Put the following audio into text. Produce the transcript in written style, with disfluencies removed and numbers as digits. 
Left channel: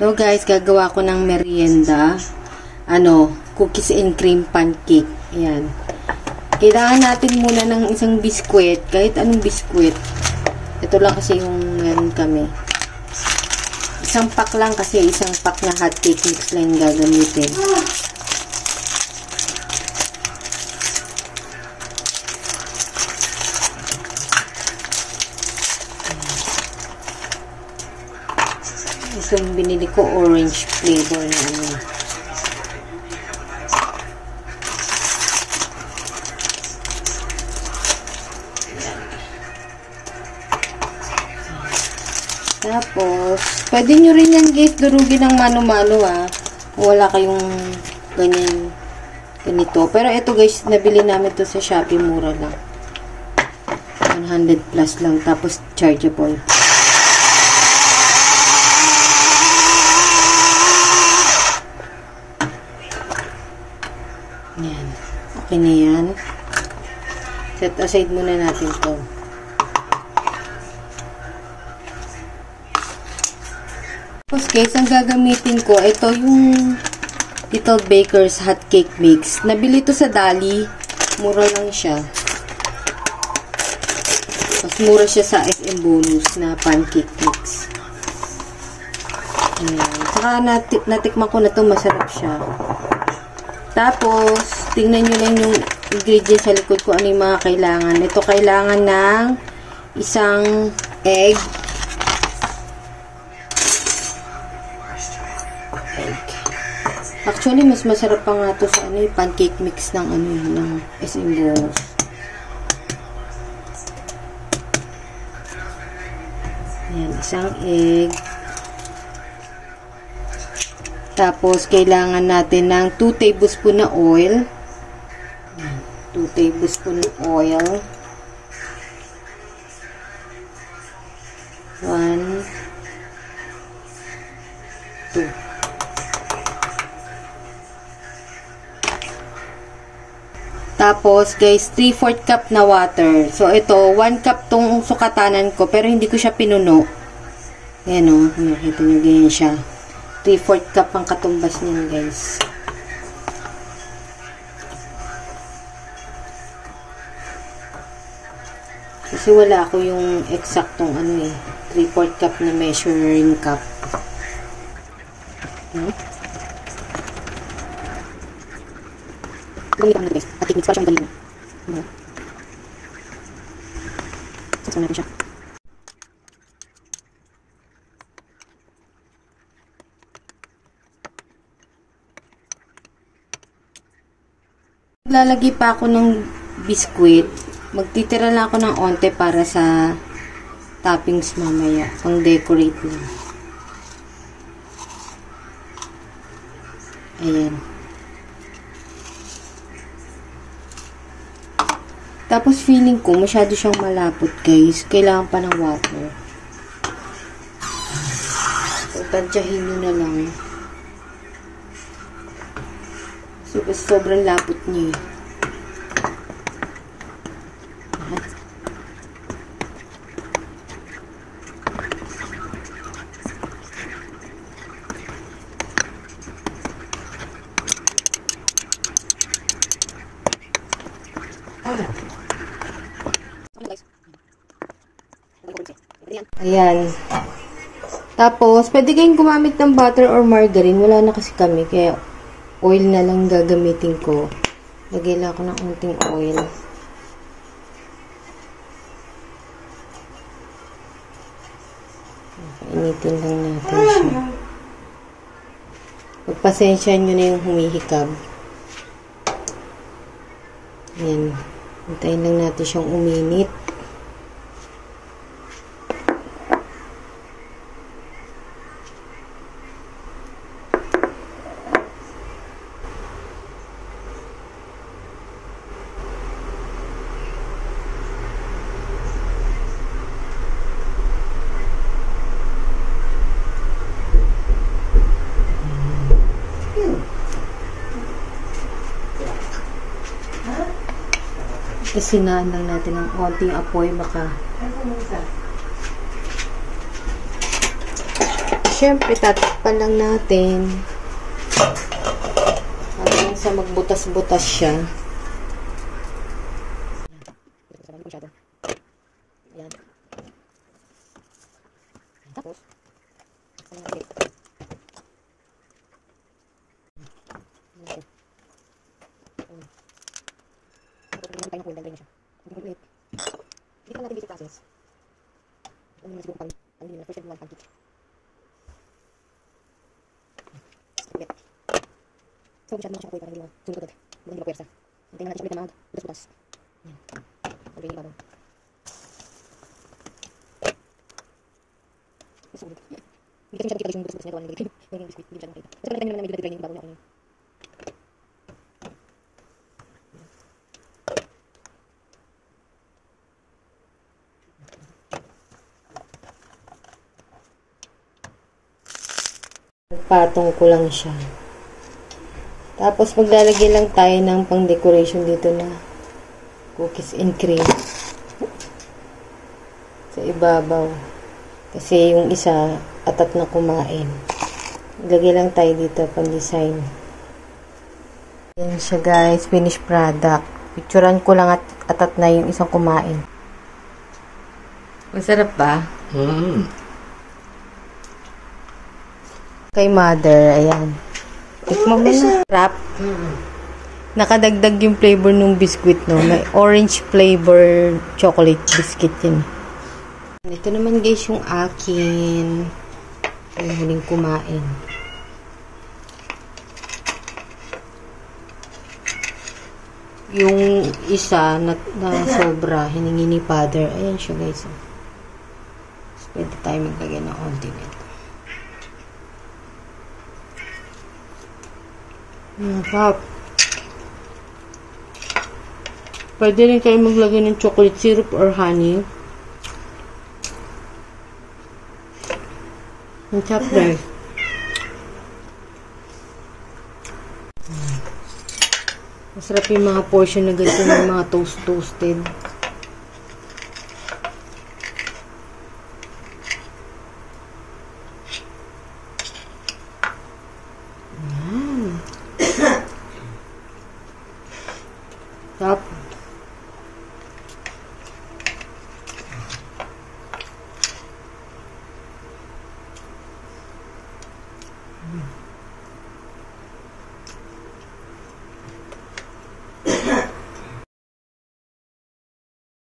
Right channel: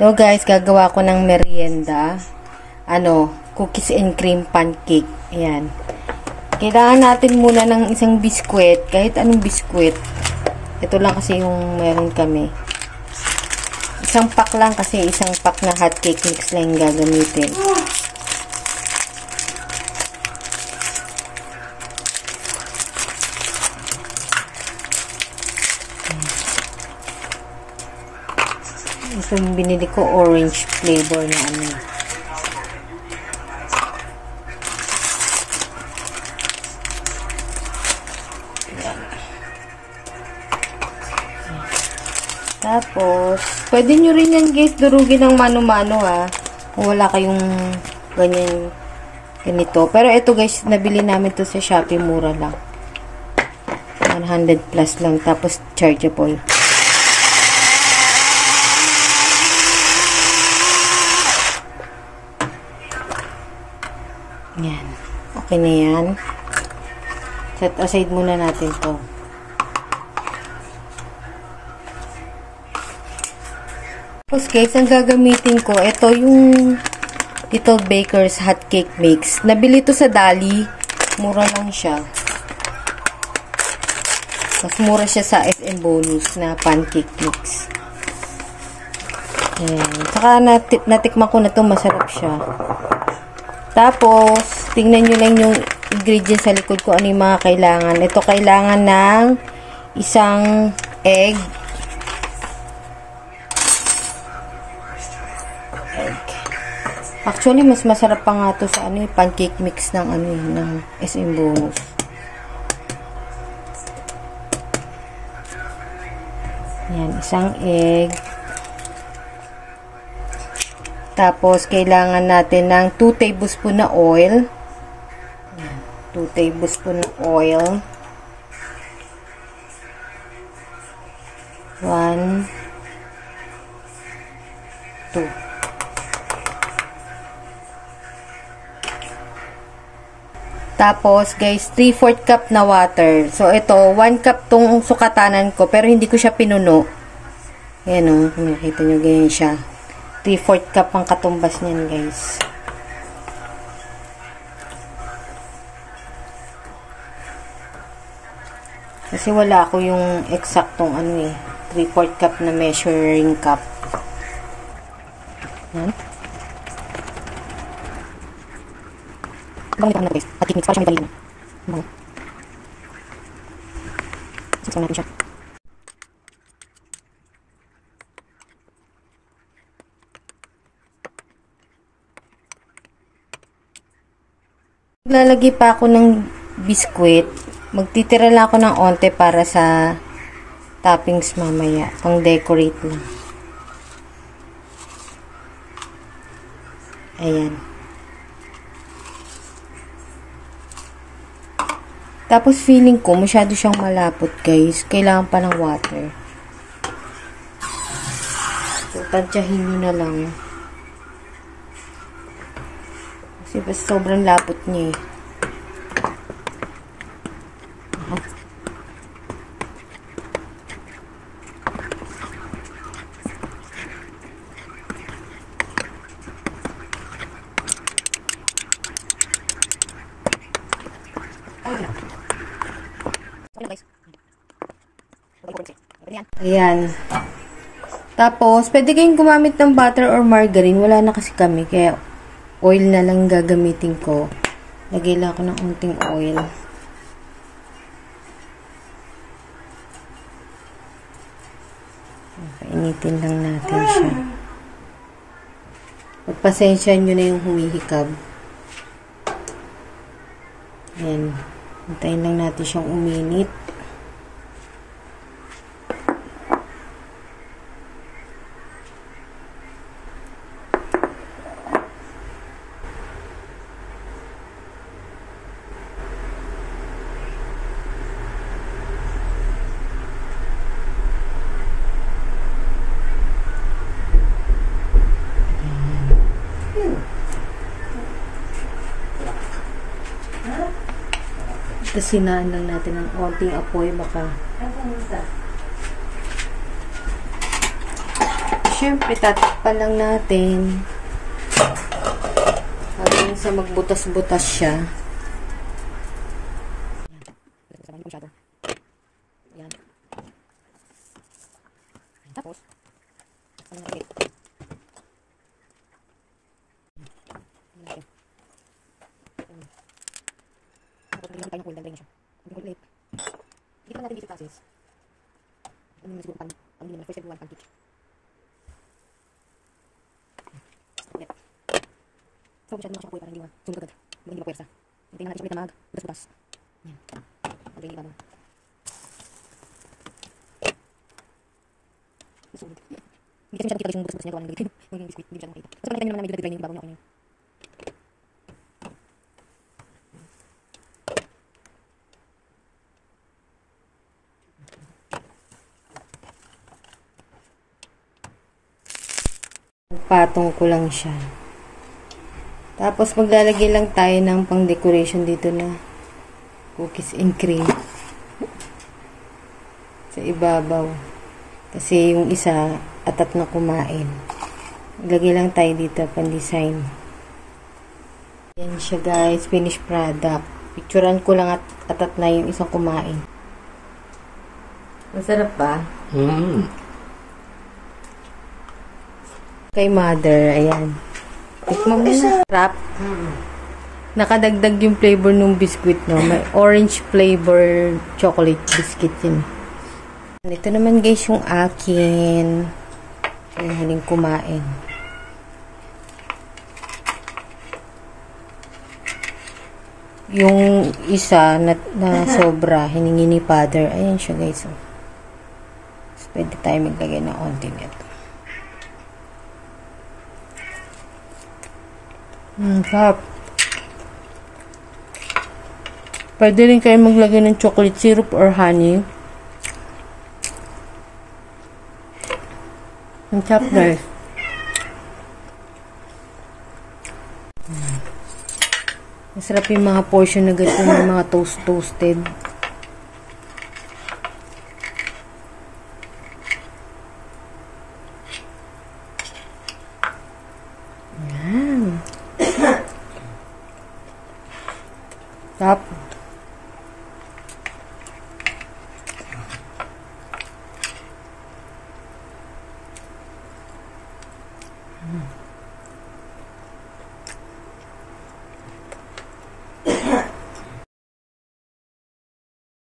So guys, gagawa ko ng merienda. Cookies and cream pancake. Ayan. Kailangan natin muna ng isang biskwit. Kahit anong biskwit. Ito lang kasi yung meron kami. Isang pack lang kasi. Isang pack na hot cake mix lang yung gagamitin. Ito yung binili ko, orange flavor na ano. Tapos, pwede nyo rin yan guys, durugin ng mano-mano ha. Kung wala kayong ganito. Pero ito guys, nabili namin to sa Shopee, mura lang. 100 plus lang. Tapos, chargeable. Yan. Okay na yan. Set aside muna natin to. Tapos guys, ang gagamitin ko, ito yung Little Baker's Hot Cake Mix. Nabili to sa Dali. Mura lang siya. Mas mura siya sa SM Bonus na pancake mix. Ayan. Saka natikman ko na to, masarap siya. Tapos, tingnan nyo lang yung ingredients sa likod ko, ano yung mga kailangan. Ito, kailangan ng isang egg. Actually, mas masarap pa nga to sa pancake mix ng ng SM Bonus. Yan, isang egg. Tapos, kailangan natin ng 2 tablespoon na oil. 2 tablespoon na oil. 1, 2. Tapos, guys, 3/4 cup na water. So, ito, 1 cup tong sukatanan ko, pero hindi ko siya pinuno. Ayan o, nakita nyo, ganyan siya. 3/4 cup ang katumbas niyan, guys. Kasi wala ako yung eksaktong 3/4 cup na measuring cup. Gamit ko na guys. At mix para siya may vanilla. Saksan natin siya. Lalagay pa ako ng biskwit. Magtitira lang ako ng onte para sa toppings mamaya. Pang decorate lang. Ayan. Tapos feeling ko masyado siyang malapot guys. Kailangan pa ng water. So, tansyahin nyo na lang. Kasi sobrang lapot niya eh. Ayan. Tapos, pwede kayong gumamit ng butter or margarine. Wala na kasi kami. Kaya, oil na lang gagamitin ko. Lagay lang ako ng unting oil. Painitin lang natin siya. Pagpasensyahan nyo na yung humihikab. Ayan. Hintayin lang natin siyang uminit. Tapos sinaan lang natin ng konting apoy, baka syempre, tatakpan lang natin. Hanggang sa magbutas-butas siya. Yan. Tapos, dito natin dito process. Ano yung siguro first and one pancake. So, masyado mga siya kapoy para hindi sunod agad. Hindi mapwersa. Hintayin natin siya ulit na mag-butas-butas. Yan. Okay, yung ibabaw. Susunod. Hindi kasi siya nakita guys yung butas-butas niya gawa ng biscuit. Yung biscuit, hindi siya nakita. Kasi pag nakita nyo naman na may dry yung ibabaw niya. Patong ko lang siya. Tapos maglalagay lang tayo ng pang decoration dito na cookies and cream sa ibabaw. Kasi yung isa atat na kumain. Maglagay lang tayo dito pang design. Yan siya guys, finished product. Picturean ko lang at atat na yung isang kumain. Masarap ba? Kay mother, ayan. Tikman mo na. Wrap. Nakadagdag yung flavor ng biscuit, no? May orange flavor chocolate biscuit yun. Ito naman guys yung akin. Yung huling kumain. Yung isa na sobra, hiningi ni father. Ayan siya guys. So, pwede tayo maglagay ng onti nito. Sarap. Pwede rin kayo maglagay ng chocolate syrup or honey. Ang sarap guys. Masarap yung mga portion na ganito ng mga toasted.